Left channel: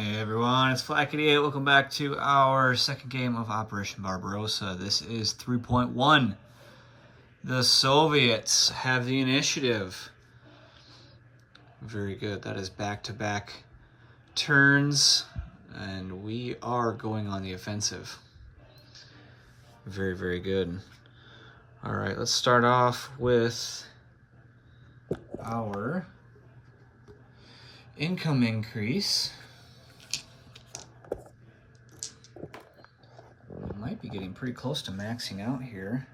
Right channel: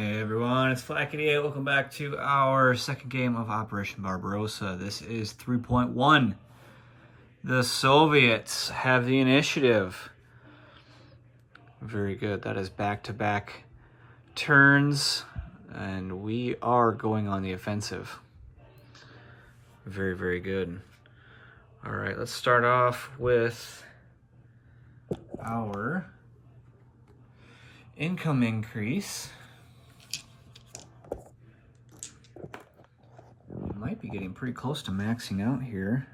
Hey everyone, it's Flack88. Welcome back to our second game of Operation Barbarossa. This is 3.1. The Soviets have the initiative. Very good. That is back-to-back turns, and we are going on the offensive. Very, very good. All right, let's start off with our income increase. Might be getting pretty close to maxing out here.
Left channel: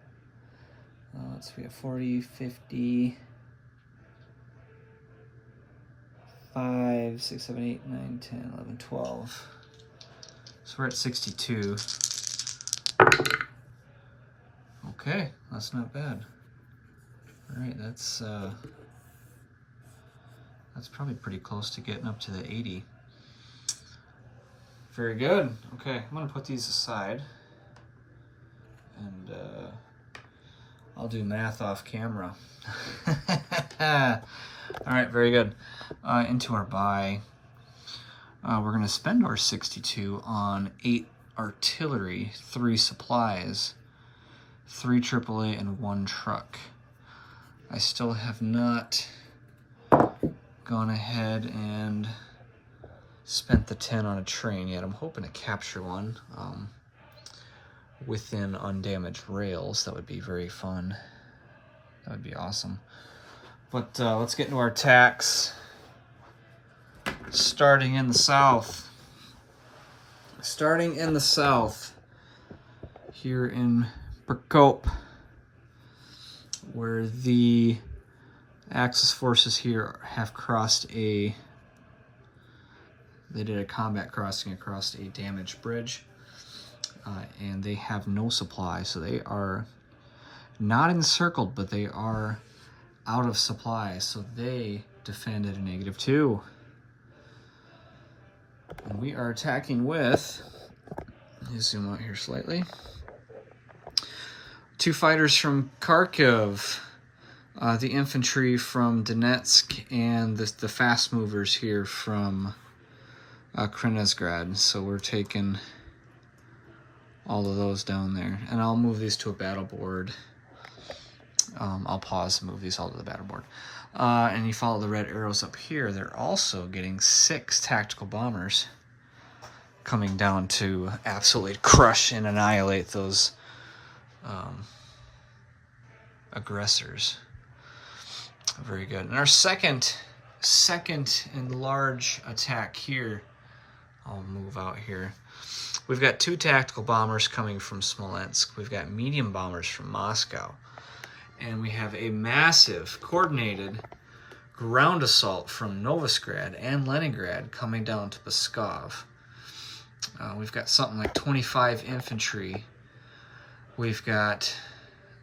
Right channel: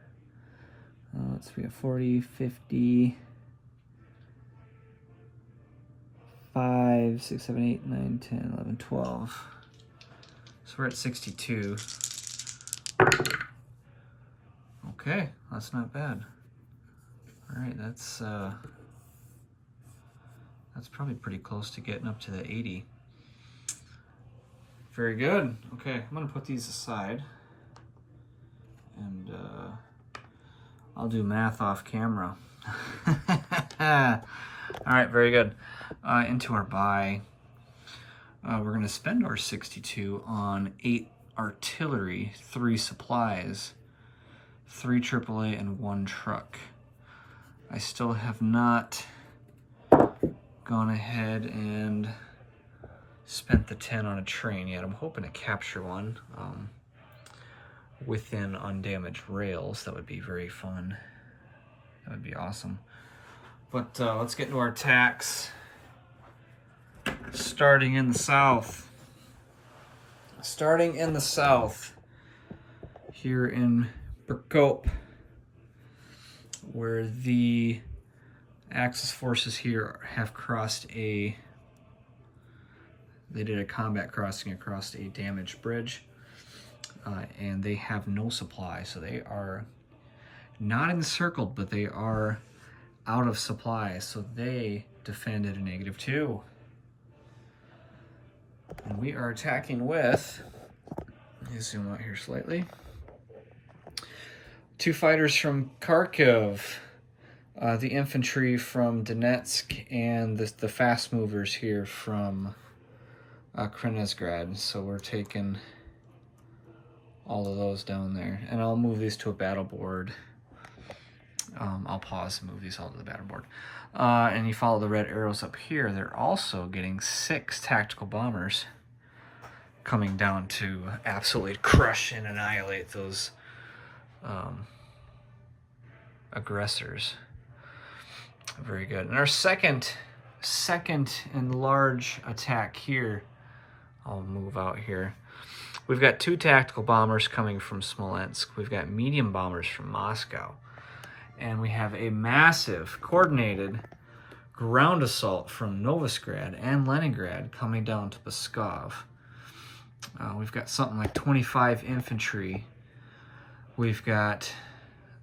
Let's see, 40, 50, 5, 6, 7, 8, 9, 10, 11, 12. So we're at 62. Okay, that's not bad. All right, that's probably pretty close to getting up to the 80. Very good. Okay, I'm gonna put these aside. And I'll do math off camera. All right, very good. Into our buy. We're going to spend our 62 on 8 artillery, 3 supplies, 3 AAA, and 1 truck. I still have not gone ahead and spent the 10 on a train yet. I'm hoping to capture one. Within undamaged rails. That would be very fun. That would be awesome. But let's get into our attacks. Starting in the south. Starting in the south. Here in Prokop, where the Axis forces here have crossed they did a combat crossing across a damaged bridge. And they have no supply, so they are not encircled, but they are out of supply, so they defend at a -2. And we are attacking with, let me zoom out here slightly, 2 fighters from Kharkiv, the infantry from Donetsk, and the fast movers here from Krenizgrad. So we're taking all of those down there. And I'll move these to a battle board. I'll pause and move these all to the battle board. And you follow the red arrows up here. They're also getting 6 tactical bombers coming down to absolutely crush and annihilate those aggressors. Very good. And our second and large attack here, I'll move out here. We've got 2 tactical bombers coming from Smolensk. We've got medium bombers from Moscow. And we have a massive coordinated ground assault from Novosgrad and Leningrad coming down to Pskov. We've got something like 25 infantry. We've got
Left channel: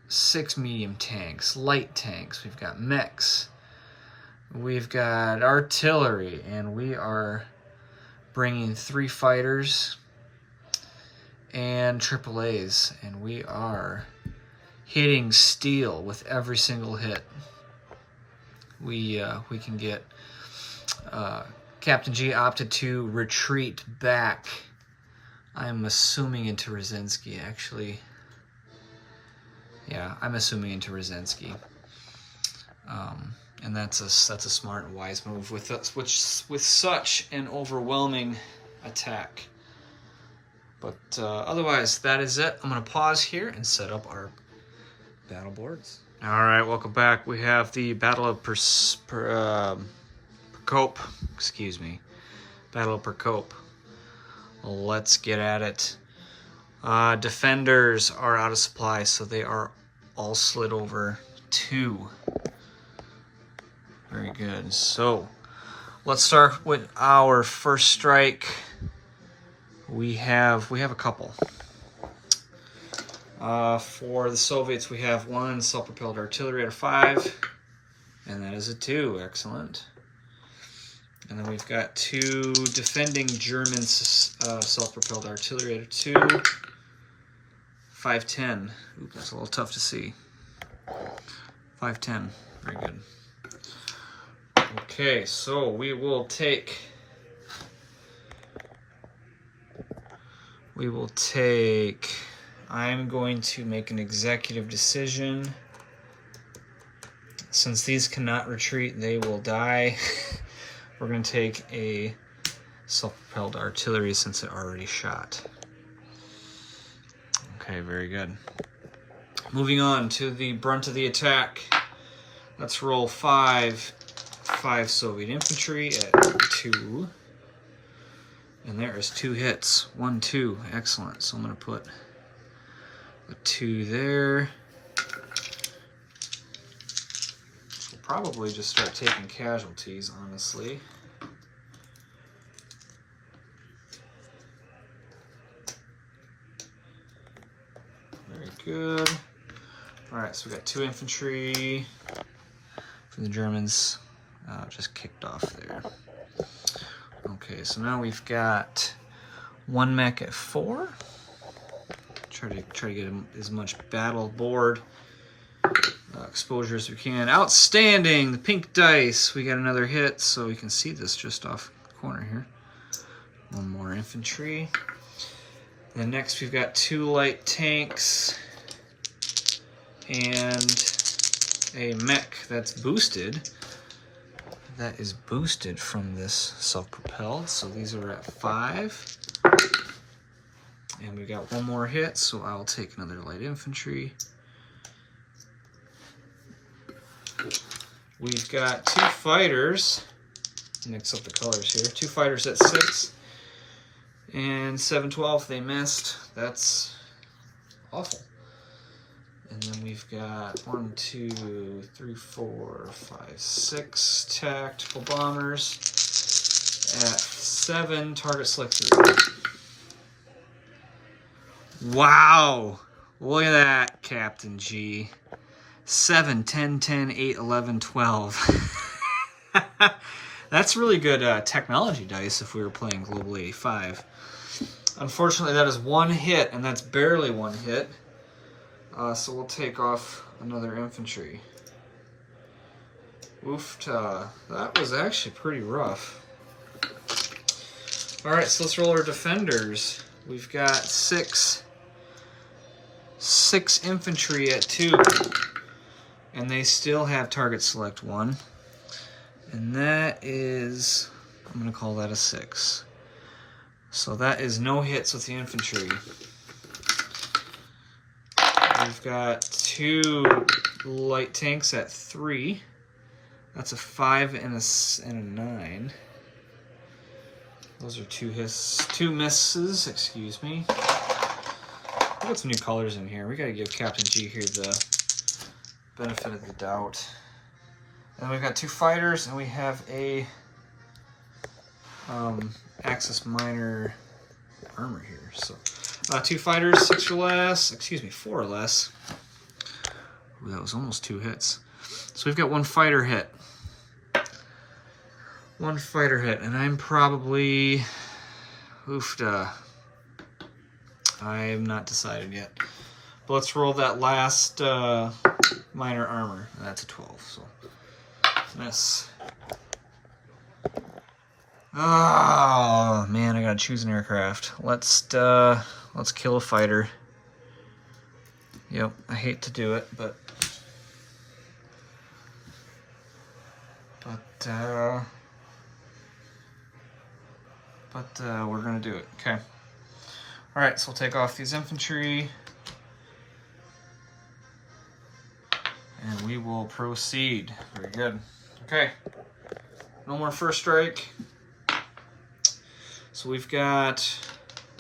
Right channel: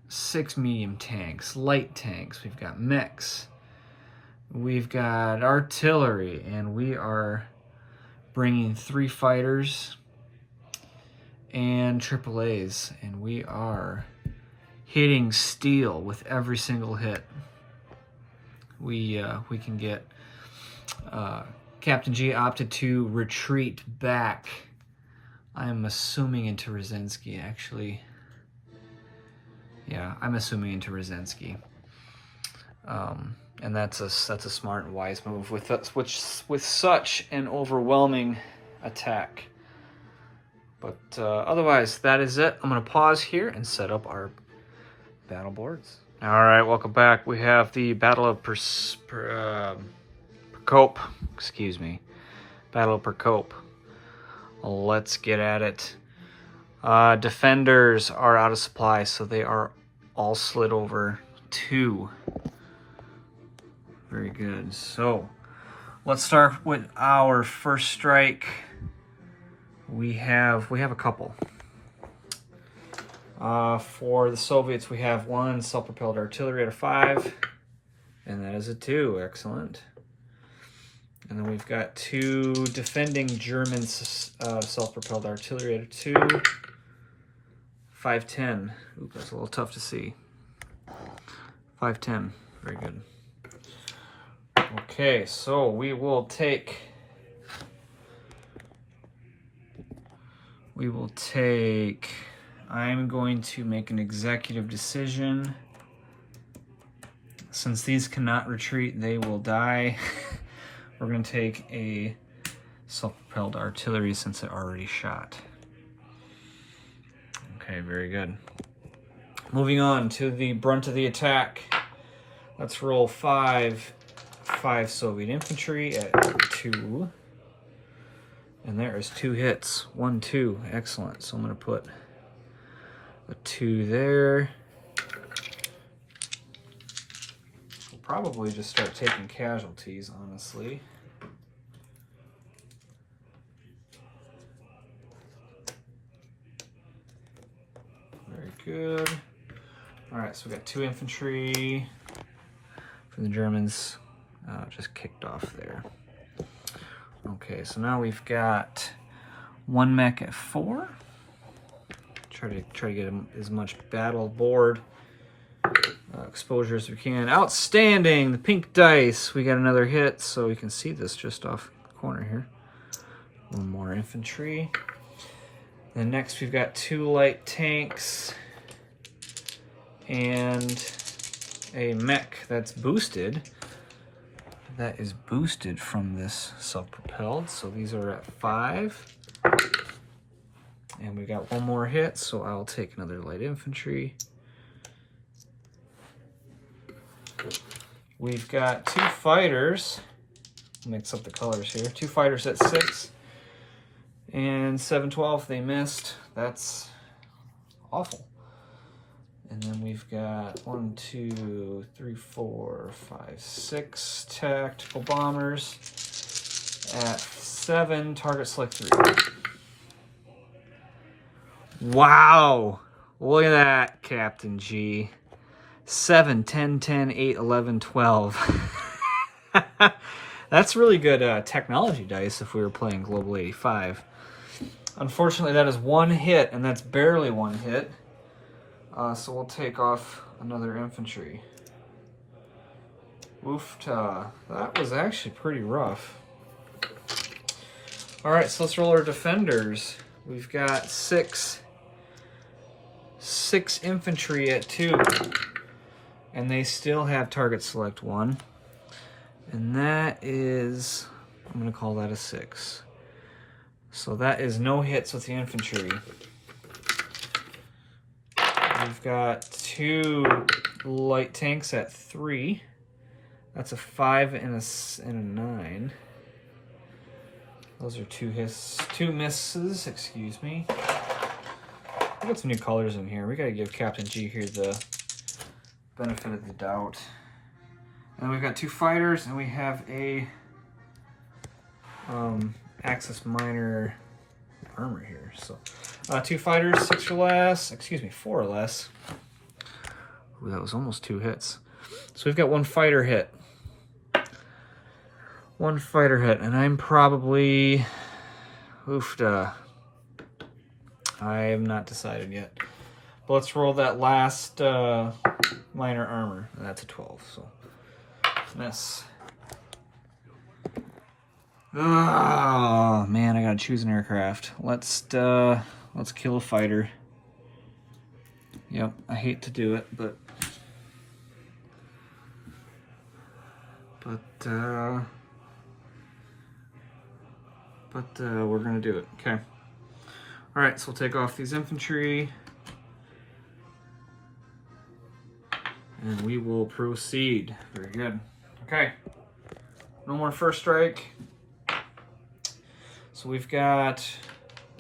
6 medium tanks, light tanks. We've got mechs. We've got artillery. And we are bringing 3 fighters and AAAs, and we are hitting steel with every single hit. We can get Captain G opted to retreat back. I'm assuming into Rozhensky, actually. Yeah, I'm assuming into Rozhensky. And that's a smart and wise move with such an overwhelming attack. But otherwise, that is it. I'm going to pause here and set up our battle boards. All right, welcome back. We have the Battle of Prokop. Excuse me. Battle of Prokop. Let's get at it. Defenders are out of supply, so they are all slid over 2. Very good. So let's start with our first strike. We have a couple. For the Soviets, we have 1 self-propelled artillery at a 5, and that is a 2. Excellent. And then we've got 2 defending German self-propelled artillery at a 2. 510. Ooh, that's a little tough to see. 510. Very good. Okay, so we will take We will take, I'm going to make an executive decision. Since these cannot retreat, they will die. We're going to take a self-propelled artillery since it already shot. Okay, very good. Moving on to the brunt of the attack. Let's roll 5 Soviet infantry at 2. And there is 2 hits. 1, 2. Excellent. So I'm going to put a 2 there. We'll probably just start taking casualties, honestly. Very good. All right, so we got 2 infantry from the Germans. Just kicked off there. Okay, so now we've got 1 mech at 4. Try to get as much battle board exposure as we can. Outstanding! The pink dice. We got another hit, so we can see this just off the corner here. 1 more infantry. And next we've got 2 light tanks and a mech that's boosted. That is boosted from this self-propelled, so these are at 5. And we got 1 more hit, so I'll take another light infantry. We've got 2 fighters. Mix up the colors here. 2 fighters at 6. And 7-12, they missed. That's awful. And then we've got 1, 2, 3, 4, 5, 6 tactical bombers at 7. Target select 3. Wow! Look at that, Captain G. 7, 10, 10, 8, 11, 12. That's really good technology dice if we were playing Global 85. Unfortunately, that is 1 hit, and that's barely 1 hit. So we'll take off another infantry. Oofta. That was actually pretty rough. Alright, so let's roll our defenders. We've got 6 infantry at 2. And they still have target select 1. And that is, I'm going to call that a 6. So that is no hits with the infantry. We've got 2 light tanks at 3. That's a 5 and a 9. Those are 2 hits, 2 misses, excuse me. I got some new colors in here. We got to give Captain G here the benefit of the doubt. And we've got 2 fighters, and we have a Axis Minor armor here. So 2 fighters, 6 or less. Excuse me, 4 or less. Ooh, that was almost 2 hits. So we've got 1 fighter hit. 1 fighter hit, and I'm probably oofda. I have not decided yet. But let's roll that last minor armor. And that's a 12. So miss. Oh man, I gotta choose an aircraft. Let's kill a fighter. Yep, I hate to do it, but we're gonna do it. Okay. All right, so we'll take off these infantry, and we will proceed. Very good. Okay. No more first strike. So we've got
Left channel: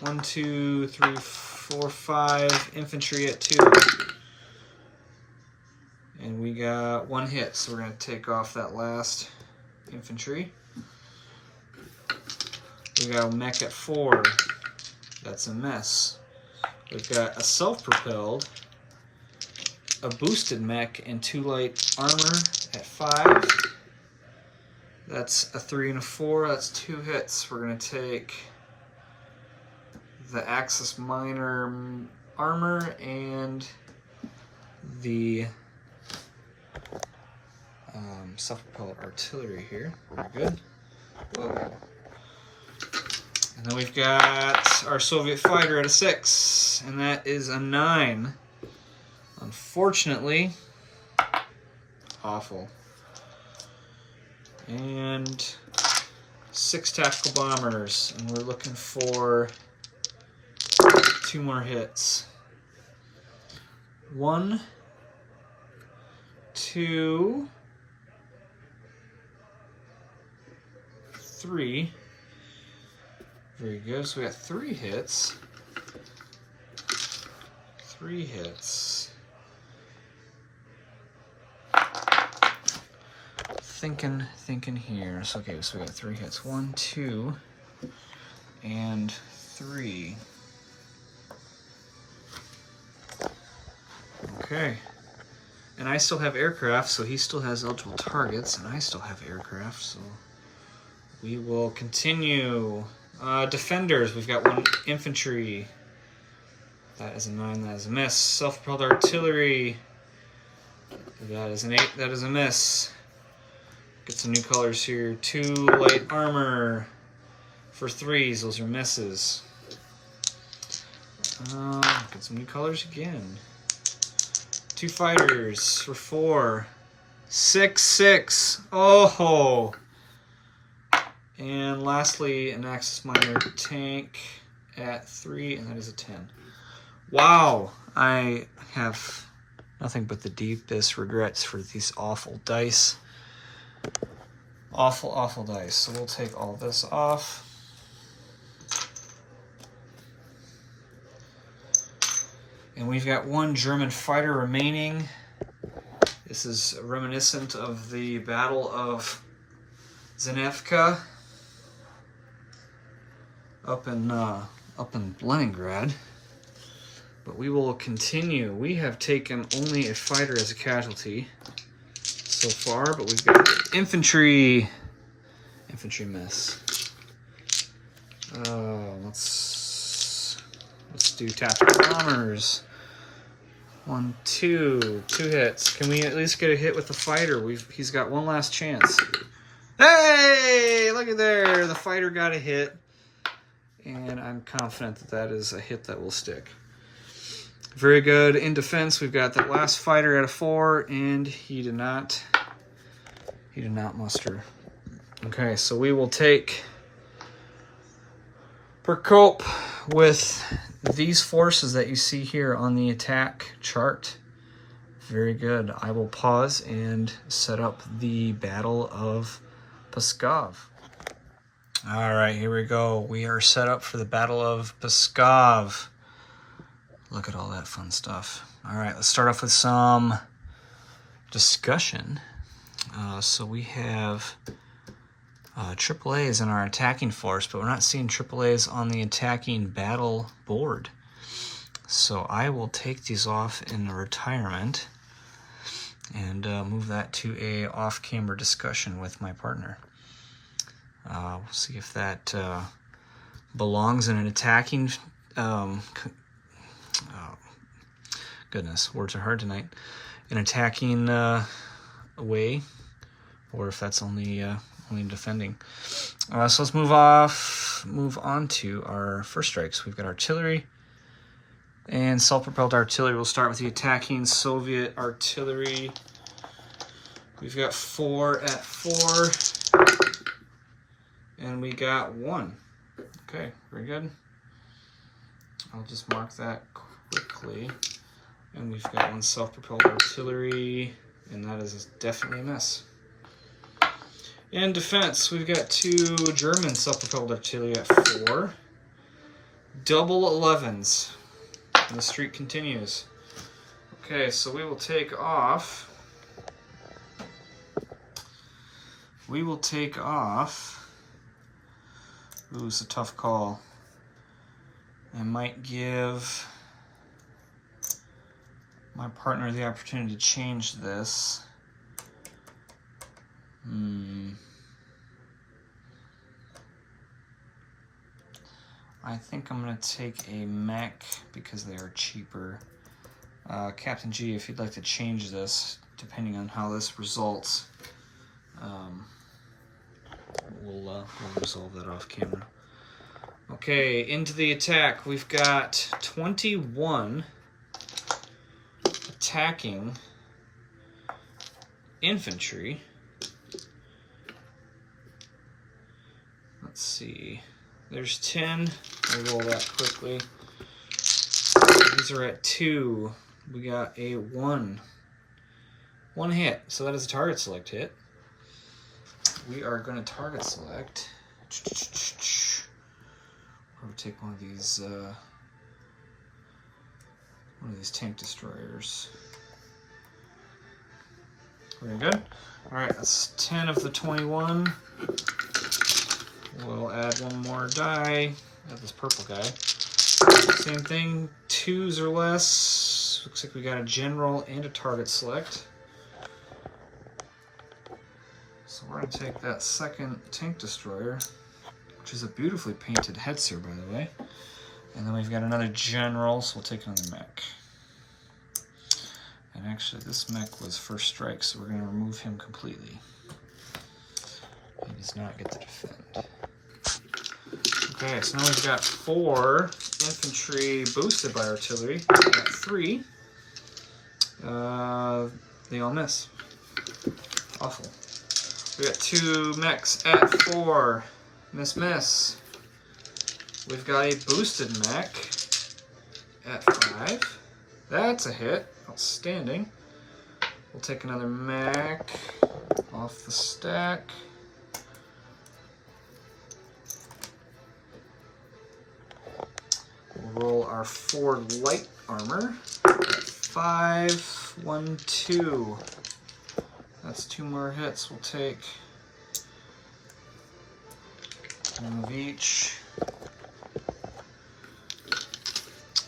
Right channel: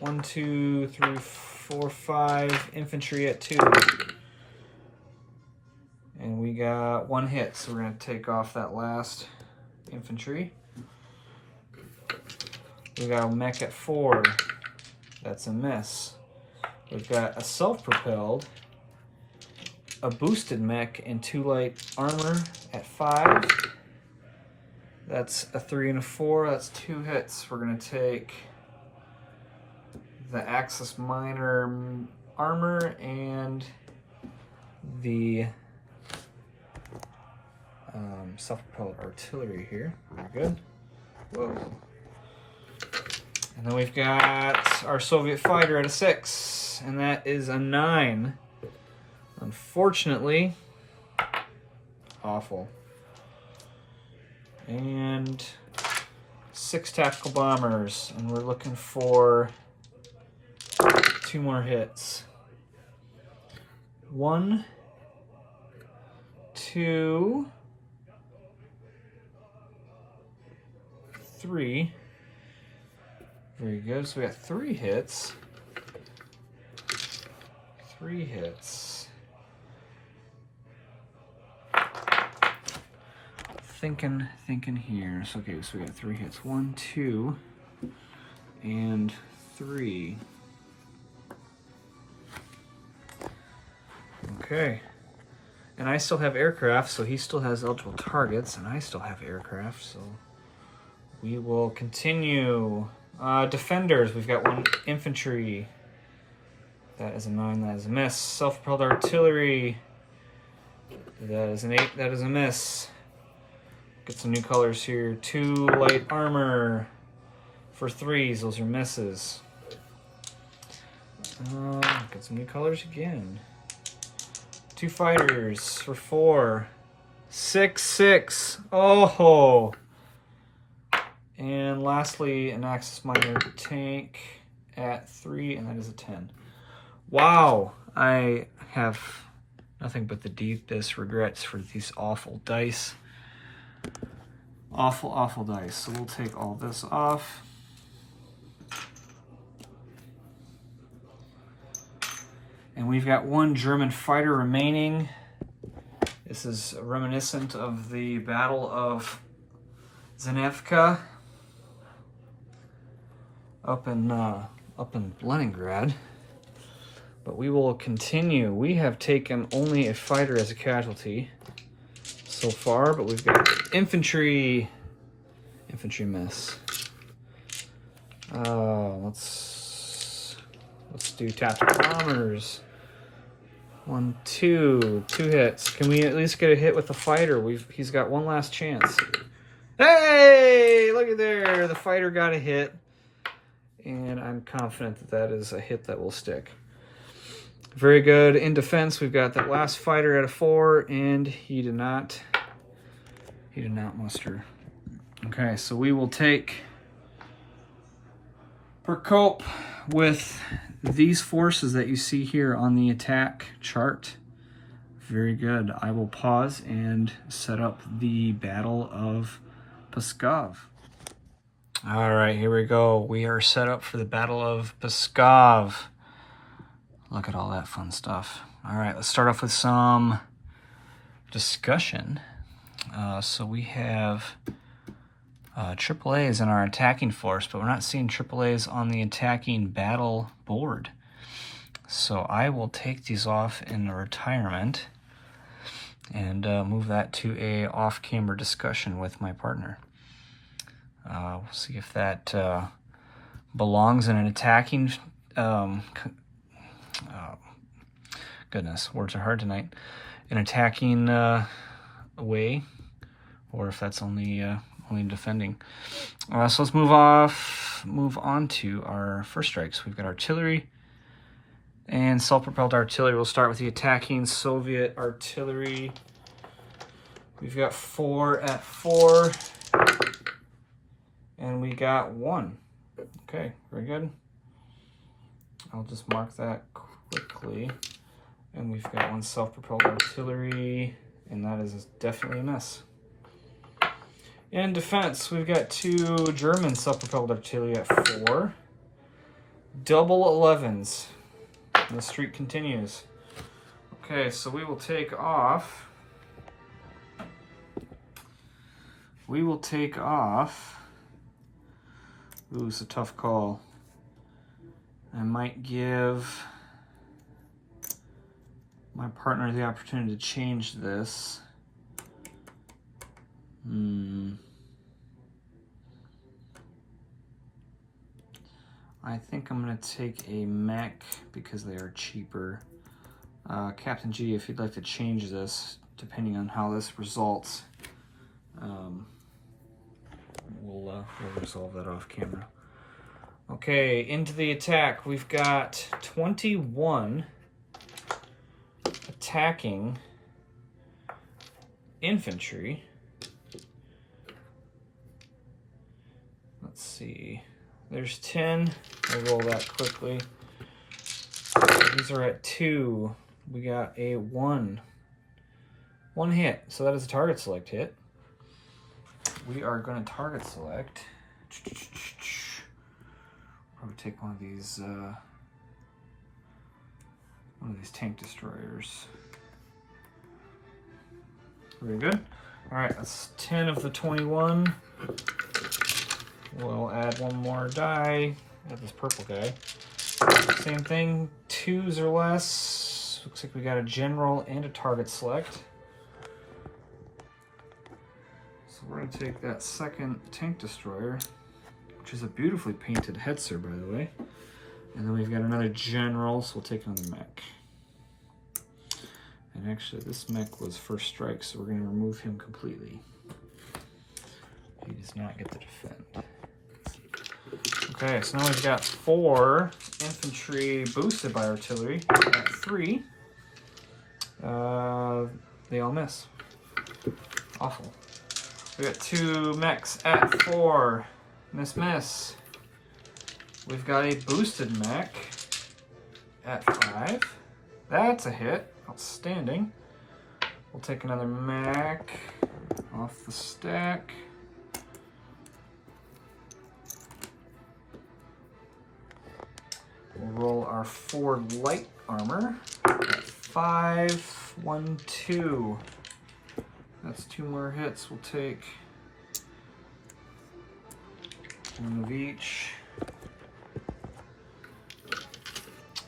1, 2, 3, 4, 5 infantry at 2. And we got 1 hit, so we're going to take off that last infantry. We got a mech at 4. That's a miss. We've got a self-propelled, a boosted mech, and 2 light armor at 5. That's a 3 and a 4. That's 2 hits. We're going to take the Axis Minor armor and the self-propelled artillery here. Very good. Whoa. And then we've got our Soviet fighter at a 6, and that is a 9. Unfortunately, awful. And 6 tactical bombers, and we're looking for 2 more hits. 1, 2, 3. Very good. So we got 3 hits. 3 hits. Thinking here. So okay, so we got 3 hits. 1, 2, and 3. Okay. And I still have aircraft, so he still has eligible targets, and I still have aircraft, so we will continue. Defenders, we've got 1 infantry. That is a 9, that is a miss. Self-propelled artillery. That is an 8, that is a miss. Get some new colors here. 2 light armor for 3s, those are misses. Get some new colors again. 2 fighters for 4. 6, 6. Oh! And lastly, an Axis Minor tank at 3, and that is a 10. Wow! I have nothing but the deepest regrets for these awful dice. Awful, awful dice. So we'll take all this off. And we've got 1 German fighter remaining. This is reminiscent of the Battle of Zanevka up in Leningrad. But we will continue. We have taken only a fighter as a casualty so far, but we've got infantry. Infantry miss. Let's do tactical bombers. 1, 2 hits. Can we at least get a hit with the fighter? He's got 1 last chance. Hey, look at there. The fighter got a hit, and I'm confident that that is a hit that will stick. Very good. In defense, we've got that last fighter at a 4, and he did not muster. Okay, so we will take Prokop with these forces that you see here on the attack chart. Very good. I will pause and set up the Battle of Pskov. All right, here we go. We are set up for the Battle of Pskov. Look at all that fun stuff. All right, let's start off with some discussion. So we have AAAs in our attacking force, but we're not seeing AAAs on the attacking battle board. So I will take these off in retirement and move that to a off-camera discussion with my partner. We'll see if that belongs in an attacking goodness, words are hard tonight. An attacking way, or if that's only defending. So let's move on to our first strikes. We've got artillery and self-propelled artillery. We'll start with the attacking Soviet artillery. We've got 4 at 4, and we got 1. Okay, very good. I'll just mark that quickly. And we've got 1 self-propelled artillery, and that is definitely a miss. In defense, we've got 2 German self-propelled artillery at 4. Double 11s. And the streak continues. Okay, so we will take off. Ooh, it's a tough call. I might give my partner the opportunity to change this. I think I'm going to take a mech because they are cheaper. Captain G, if you'd like to change this, depending on how this results, we'll resolve that off camera. Okay, into the attack. We've got 21 attacking infantry. Let's see. There's 10. I'll roll that quickly. These are at 2. We got a 1. 1 hit. So that is a target select hit. We are going to target select. Probably take one of these tank destroyers. Very good. All right, that's 10 of the 21. We'll add one more die. Add this purple guy. Same thing, 2s or less. Looks like we got a general and a target select. So we're going to take that second tank destroyer, which is a beautifully painted Hetzer, by the way. And then we've got another general, so we'll take another mech. And actually, this mech was first strike, so we're going to remove him completely. He does not get to defend. Okay, so now we've got 4 infantry boosted by artillery at 3. They all miss. Awful. We got 2 mechs at 4. Miss. We've got a boosted mech at 5. That's a hit. Outstanding. We'll take another mech off the stack. We'll roll our 4 light armor at 5, 1, 2. That's 2 more hits. We'll take one of each.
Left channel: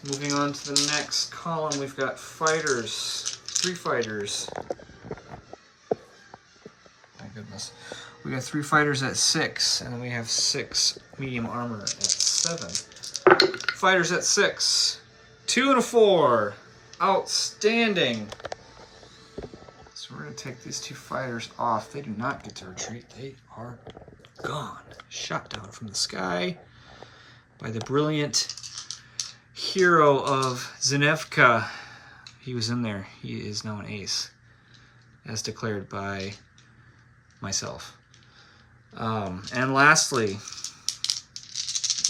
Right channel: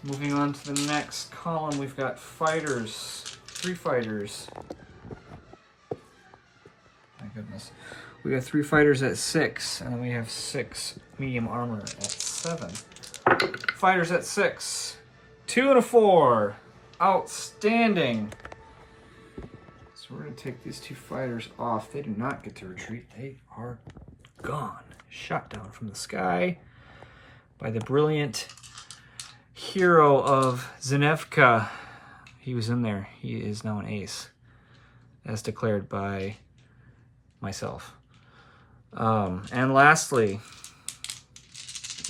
Moving on to the next column, we've got fighters. 3 fighters. My goodness. We got 3 fighters at 6, and then we have 6 medium armor at 7. Fighters at 6. 2 and a 4. Outstanding. So we're going to take these 2 fighters off. They do not get to retreat. They are gone. Shot down from the sky by the brilliant hero of Zenevka. He was in there. He is now an ace, as declared by myself. And lastly,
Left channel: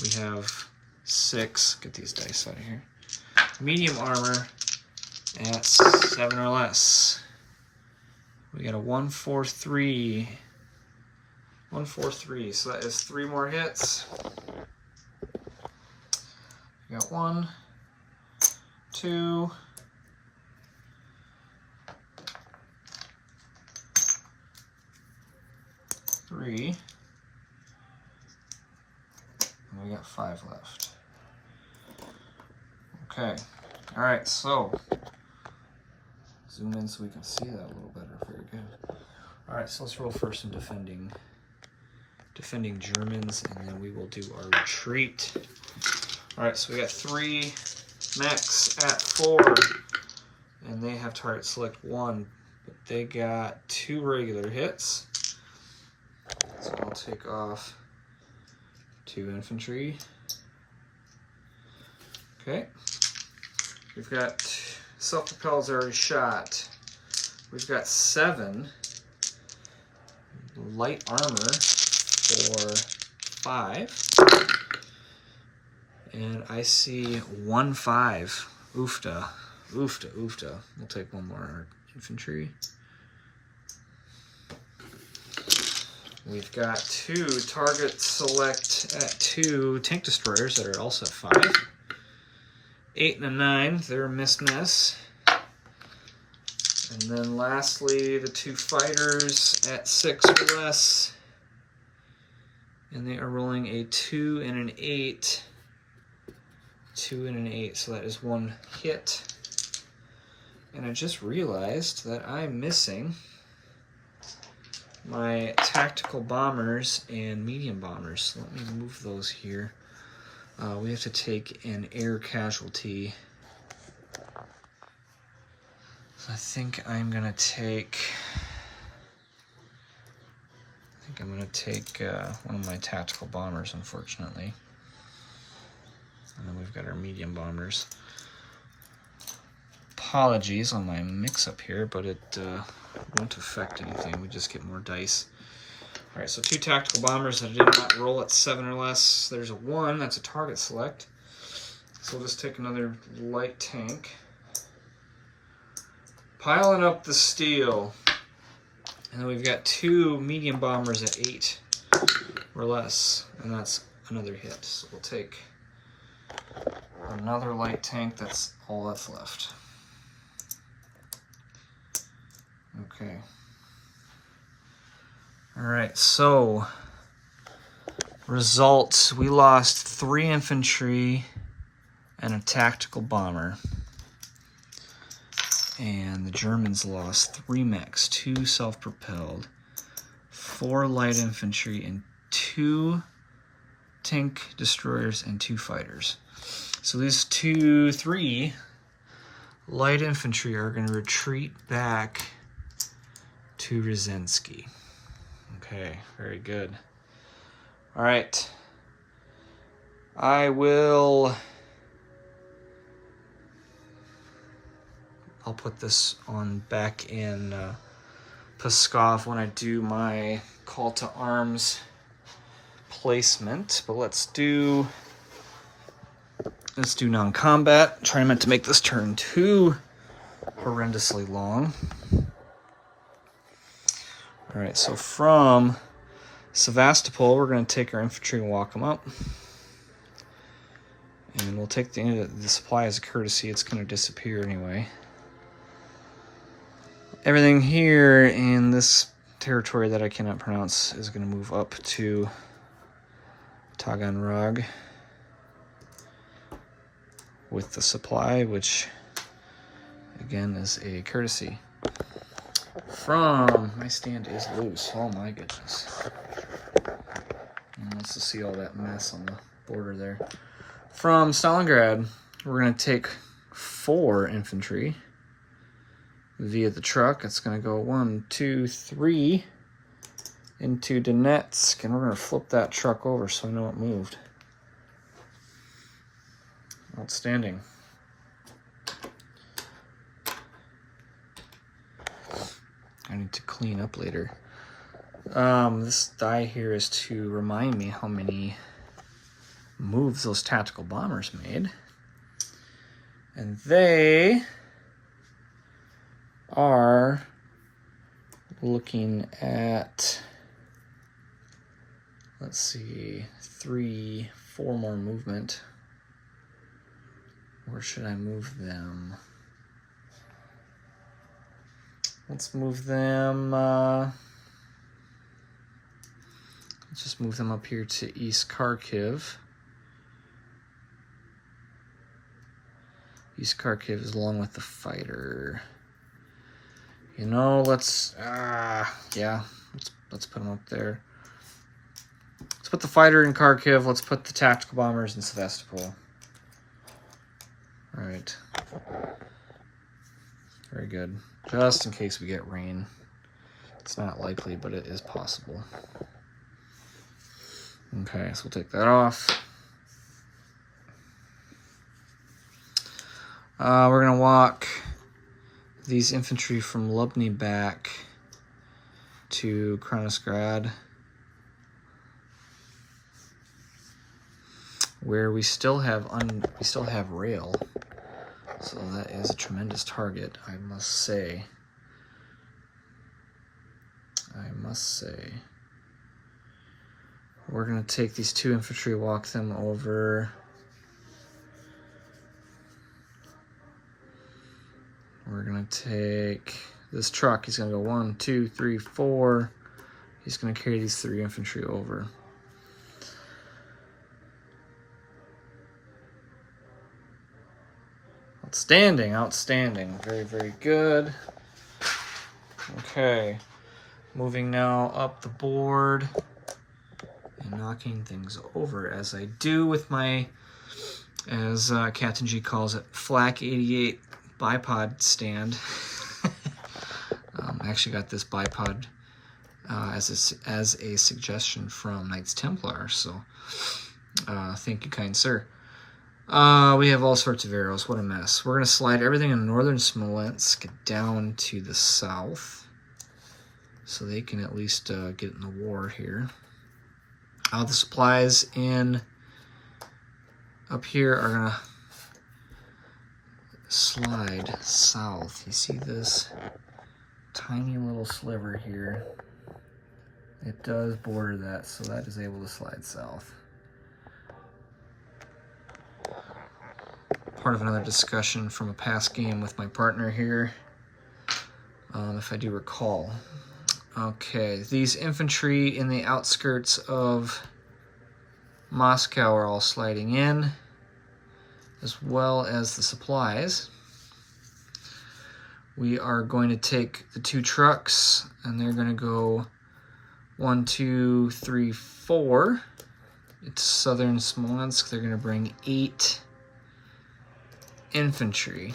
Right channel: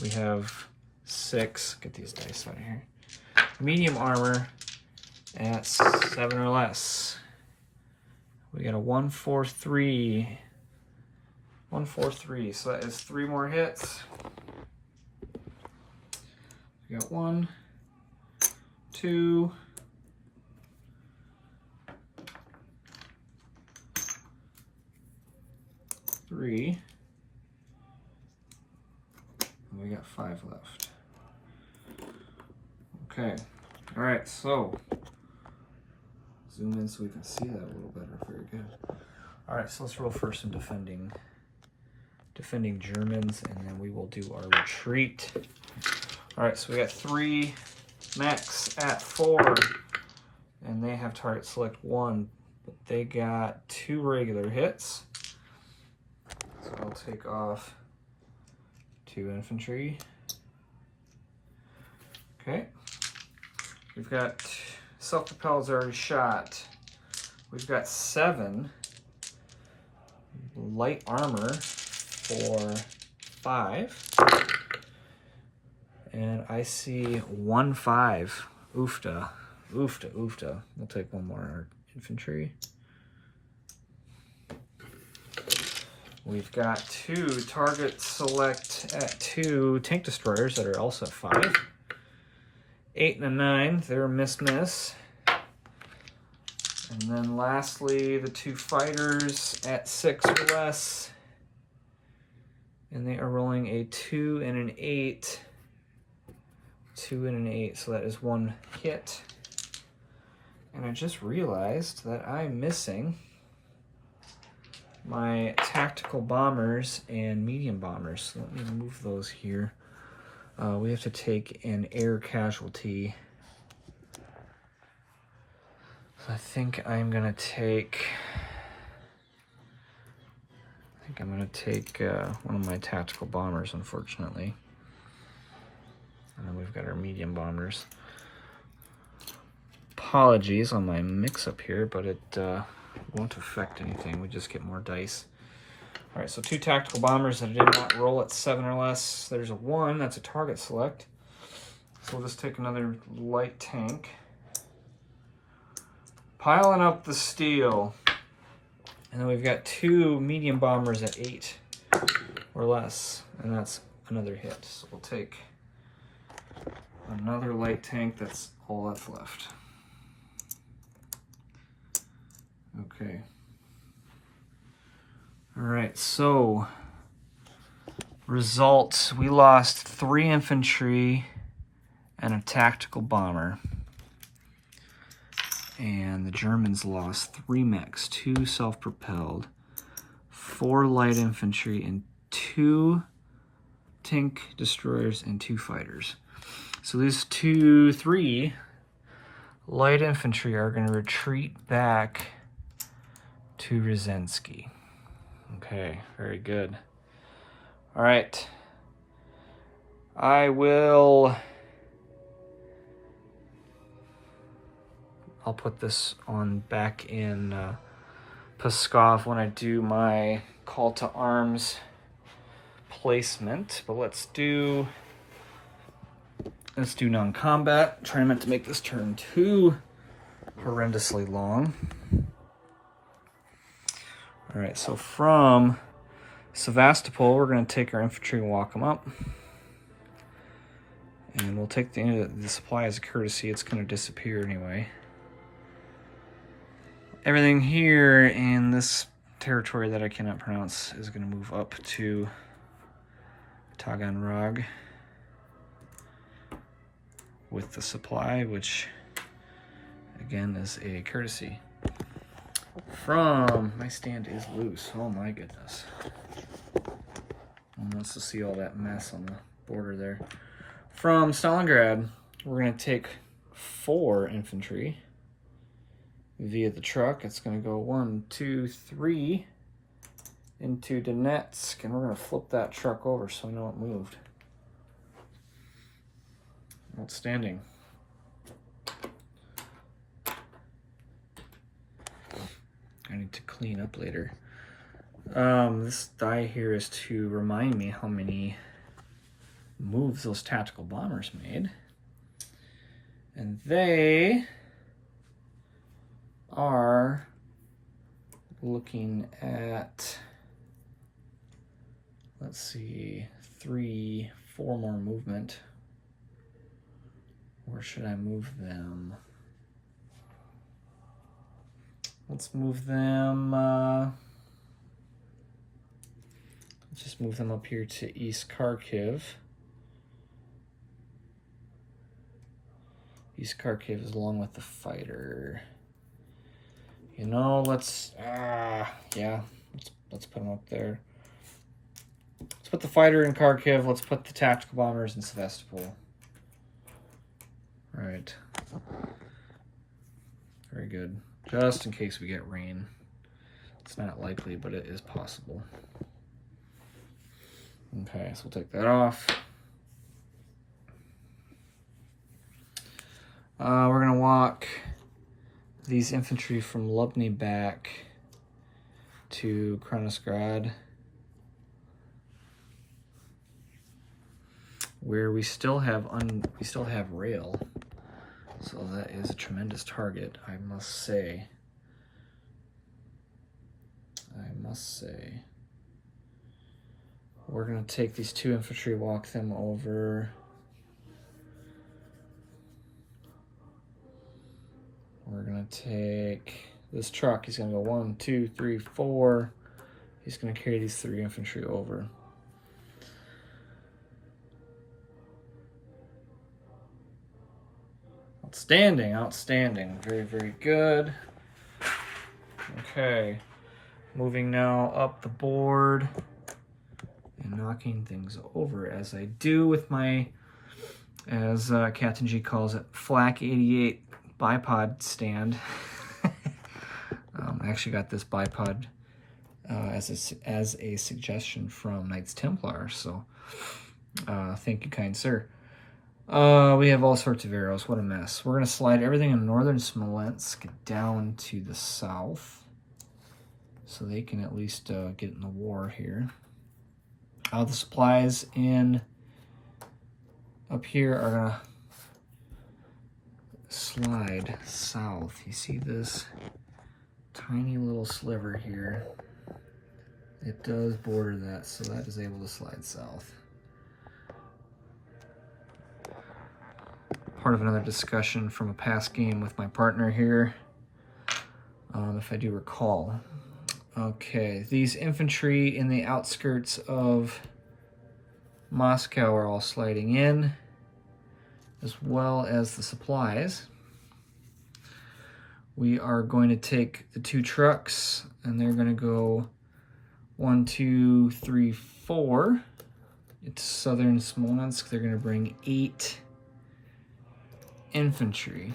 we have 6. Get these dice out of here. Medium armor at 7 or less. We got a 1, 4, 3. 1, 4, 3. So that is 3 more hits. We got 1, 2, 3. And we got 5 left. Okay. All right, so zoom in so we can see that a little better. Very good. All right, so let's roll first some defending Germans, and then we will do our retreat. All right, so we got 3 mechs at 4, and they have target select 1, but they got 2 regular hits. So I'll take off 2 infantry. Okay. We've got self-propelled already shot. We've got 7 light armor for 5. And I see 1, 5. Oofta. We'll take 1 more infantry. We've got 2 target select at 2 tank destroyers that are also at 5. 8 and a 9, they're miss. And then lastly, the 2 fighters at 6 or less. And they are rolling a 2 and an 8. 2 and an 8, so that is 1 hit. And I just realized that I'm missing my tactical bombers and medium bombers. So let me move those here. We have to take an air casualty. So I think I'm gonna take one of my tactical bombers, unfortunately. And then we've got our medium bombers. Apologies on my mix-up here, but it won't affect anything. We just get more dice. All right, so 2 tactical bombers that did not roll at 7 or less. There's a 1, that's a target select. So we'll just take another light tank. Piling up the steel. And then we've got 2 medium bombers at 8 or less, and that's another hit. So we'll take another light tank, that's all that's left. Okay. All right, so results, we lost 3 infantry and a tactical bomber. And the Germans lost 3 mechs, 2 self-propelled, 4 light infantry, and 2 tank destroyers and 2 fighters. So these 3 light infantry are going to retreat back to Rzenski. Okay, very good. All right. I'll put this on back in Pskov when I do my call to arms placement, but let's do non-combat. Trying not to make this turn too horrendously long. All right, so from Sevastopol, we're going to take our infantry and walk them up. And we'll take the supply as a courtesy. It's going to disappear anyway. Everything here in this territory that I cannot pronounce is going to move up to Taganrog with the supply, which again is a courtesy. From, my stand is loose, oh my goodness. And let's just see all that mess on the border there. From Stalingrad, we're going to take 4 infantry via the truck. It's going to go 1, 2, 3 into Donetsk, and we're going to flip that truck over so we know it moved. Outstanding. I need to clean up later. This die here is to remind me how many moves those tactical bombers made. And they are looking at, let's see, 3, 4 more movement. Where should I move them? Let's move them, let's just move them up here to East Kharkiv. East Kharkiv is along with the fighter. You know, let's put them up there. Let's put the fighter in Kharkiv. Let's put the tactical bombers in Sevastopol. All right. Very good. Just in case we get rain. It's not likely, but it is possible. Okay, so we'll take that off. We're going to walk these infantry from Lubny back to Kronosgrad, where we still have rail. So that is a tremendous target, I must say. We're going to take these 2 infantry, walk them over. We're going to take this truck. He's going to go 1, 2, 3, 4. He's going to carry these 3 infantry over. Outstanding, outstanding. Very, very good. Okay. Moving now up the board and knocking things over as I do with my, as Captain G calls it, Flak 88 bipod stand. I actually got this bipod as a suggestion from Knights Templar, so thank you, kind sir. We have all sorts of arrows. What a mess. We're going to slide everything in northern Smolensk down to the south, so they can at least get in the war here. The supplies in up here are going to slide south. You see this tiny little sliver here? It does border that, so that is able to slide south. Part of another discussion from a past game with my partner here, if I do recall. Okay, these infantry in the outskirts of Moscow are all sliding in, as well as the supplies. We are going to take the 2 trucks, and they're going to go 1, 2, 3, 4. It's southern Smolensk. They're going to bring 8 infantry.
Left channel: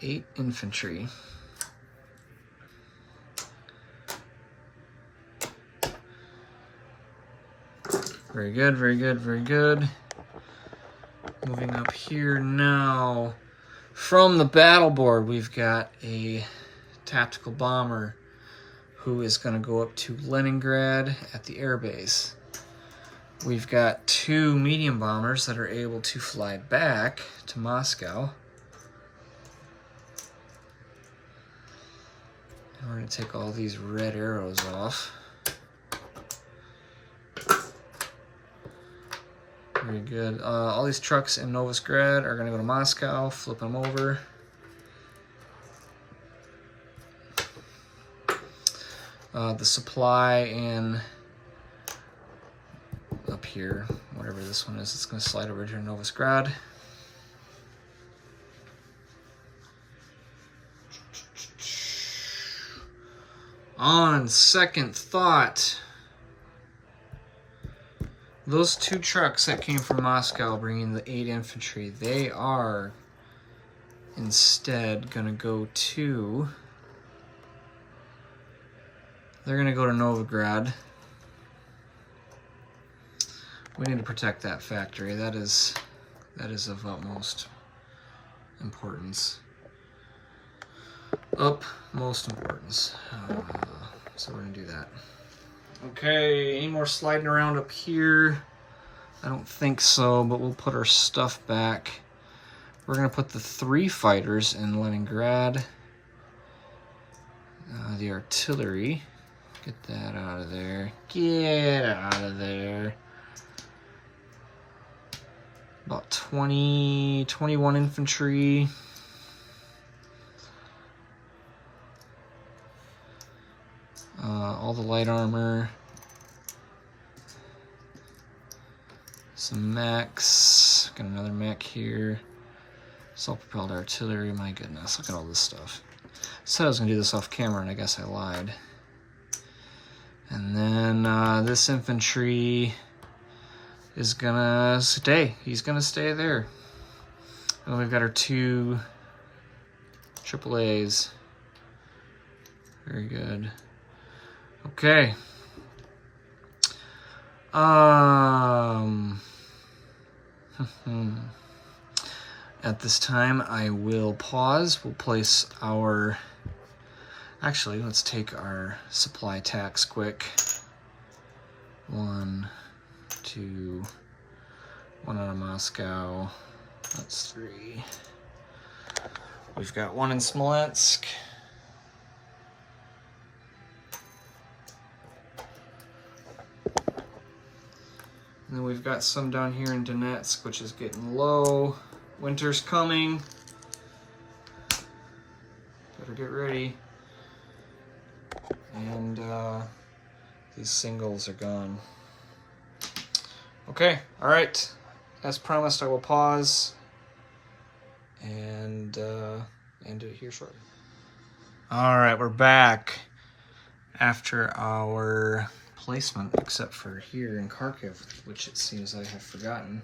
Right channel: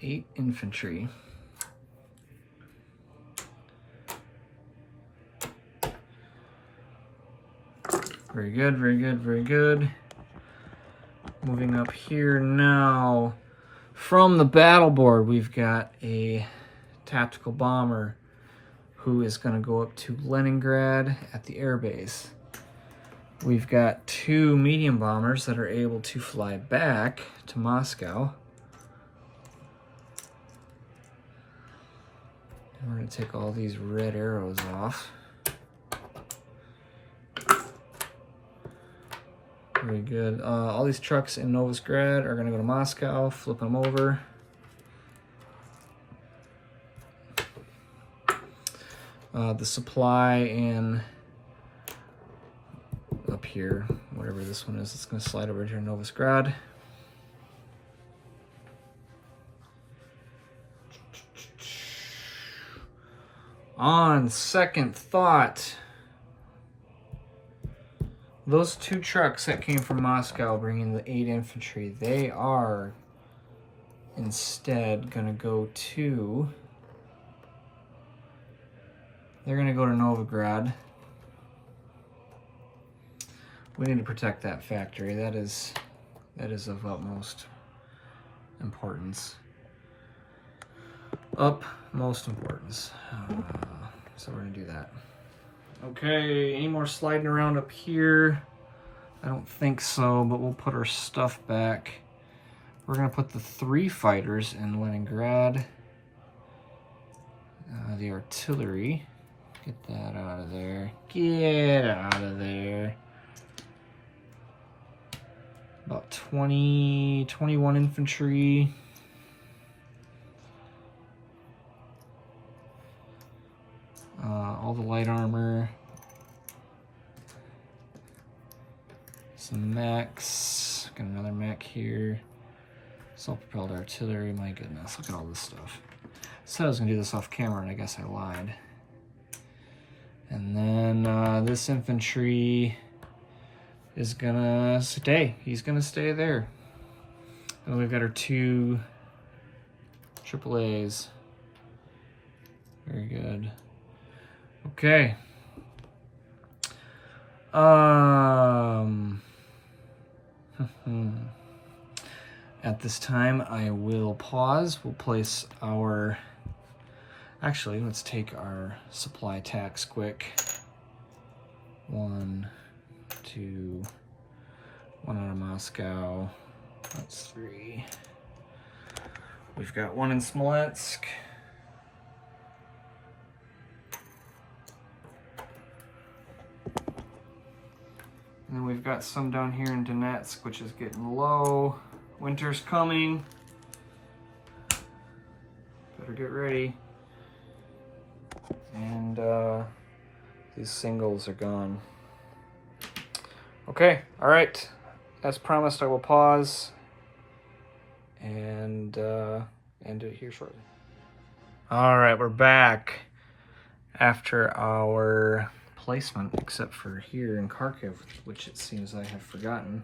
8 infantry. Very good, very good, very good. Moving up here now. From the battle board, we've got a tactical bomber who is going to go up to Leningrad at the airbase. We've got 2 medium bombers that are able to fly back to Moscow. And we're going to take all these red arrows off. Very good. All these trucks in Novosgrad are going to go to Moscow. Flip them over. The supply in up here, whatever this one is, it's going to slide over to Novosgrad. On second thought, those 2 trucks that came from Moscow bringing the 8 infantry, they are instead going to go to, they're going to go to Novograd. We need to protect that factory. That is of utmost importance. Utmost importance. So we're going to do that. Okay, any more sliding around up here? I don't think so, but we'll put our stuff back. We're going to put the 3 fighters in Leningrad. The artillery. Get that out of there. Get out of there. About 21 infantry. All the light armor. Some mechs. Got another mech here. Self-propelled artillery. My goodness, look at all this stuff. I said I was going to do this off camera, and I guess I lied. And then this infantry is going to stay. He's going to stay there. And we've got our 2 AAAs. Very good. Okay. At this time, I will pause. We'll place our... Actually, let's take our supply tax quick. 1, 2, 1 out of Moscow. That's 3. We've got 1 in Smolensk. And then we've got some down here in Donetsk, which is getting low. Winter's coming. Better get ready. And these singles are gone. Okay, all right. As promised, I will pause and end it here shortly. All right, we're back after our placement, except for here in Kharkiv, which it seems I have forgotten.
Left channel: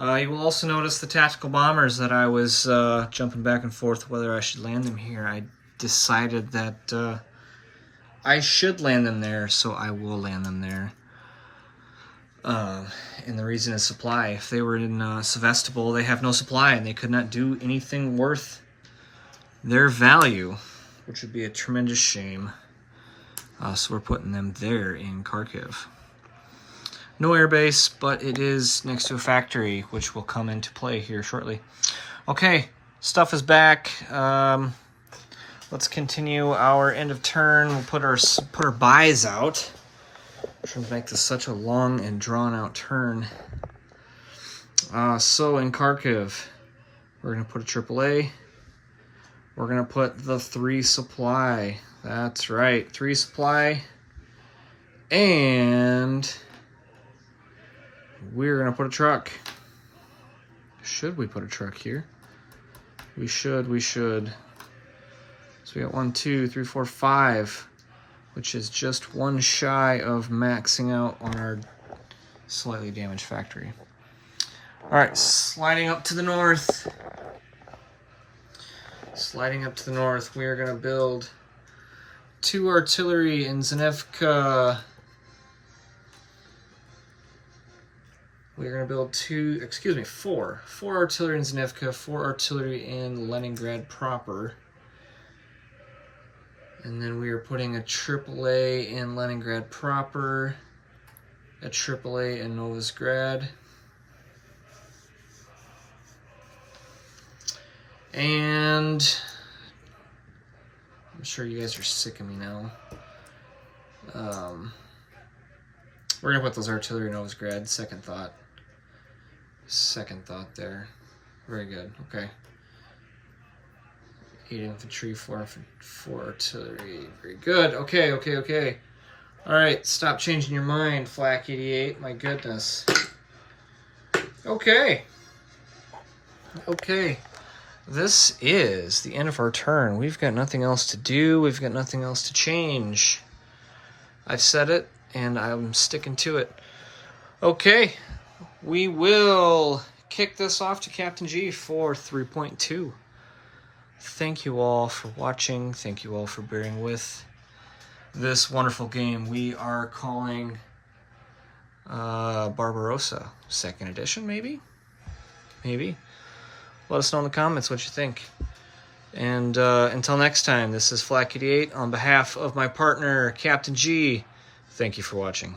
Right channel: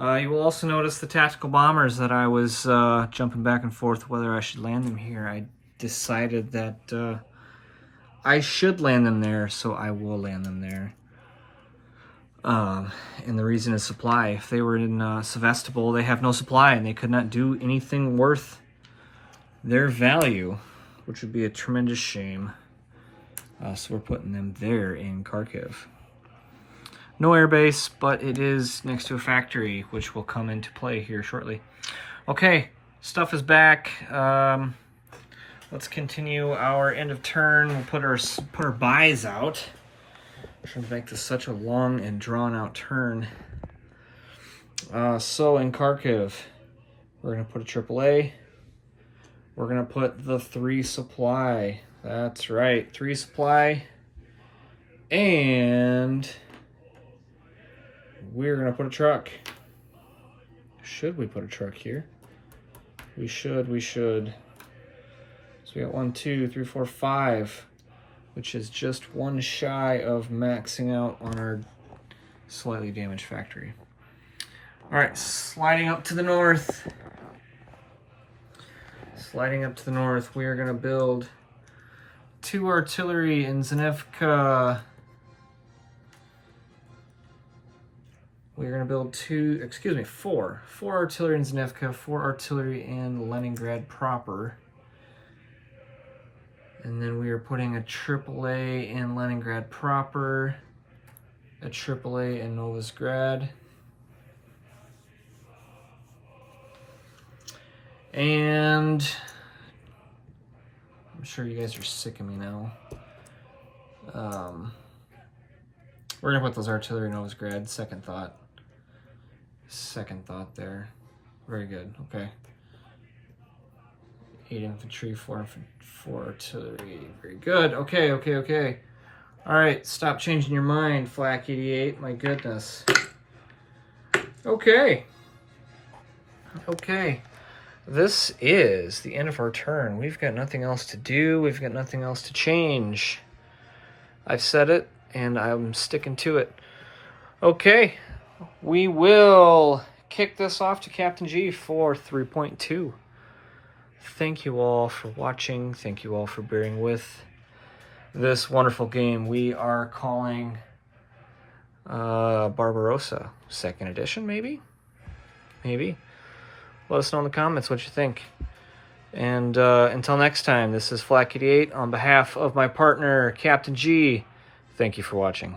You will also notice the tactical bombers that I was jumping back and forth whether I should land them here. I decided that I should land them there, so I will land them there. And the reason is supply. If they were in Sevastopol, they have no supply and they could not do anything worth their value, which would be a tremendous shame. So we're putting them there in Kharkiv. No airbase, but it is next to a factory, which will come into play here shortly. Okay, stuff is back. Let's continue our end of turn. We'll put our buys out. I'm trying to make this such a long and drawn out turn. So in Kharkiv, we're gonna put a AAA. We're gonna put the 3 supply. That's right, 3 supply. And we're gonna put a truck. Should we put a truck here? We should. So we got 1, 2, 3, 4, 5, which is just one shy of maxing out on our slightly damaged factory. All right, sliding up to the north. Sliding up to the north, we are gonna build 2 artillery in Zanevka. We're going to build 4 artillery in Zanevka, 4 artillery in Leningrad proper. And then we are putting a AAA in Leningrad proper, a AAA in Novosgrad. And I'm sure you guys are sick of me now. We're going to put those artillery in Novosgrad, second thought. Second thought there. Very good. Okay. 8 infantry, 4 artillery. Very good. Okay. All right. Stop changing your mind, Flak 88. My goodness. Okay. This is the end of our turn. We've got nothing else to do. We've got nothing else to change. I've said it, and I'm sticking to it. Okay. We will kick this off to Captain G for 3.2. Thank you all for watching. Thank you all for bearing with this wonderful game we are calling Barbarossa. 2nd edition, maybe? Maybe. Let us know in the comments what you think. And until next time, this is Flak88 on behalf of my partner, Captain G. Thank you for watching.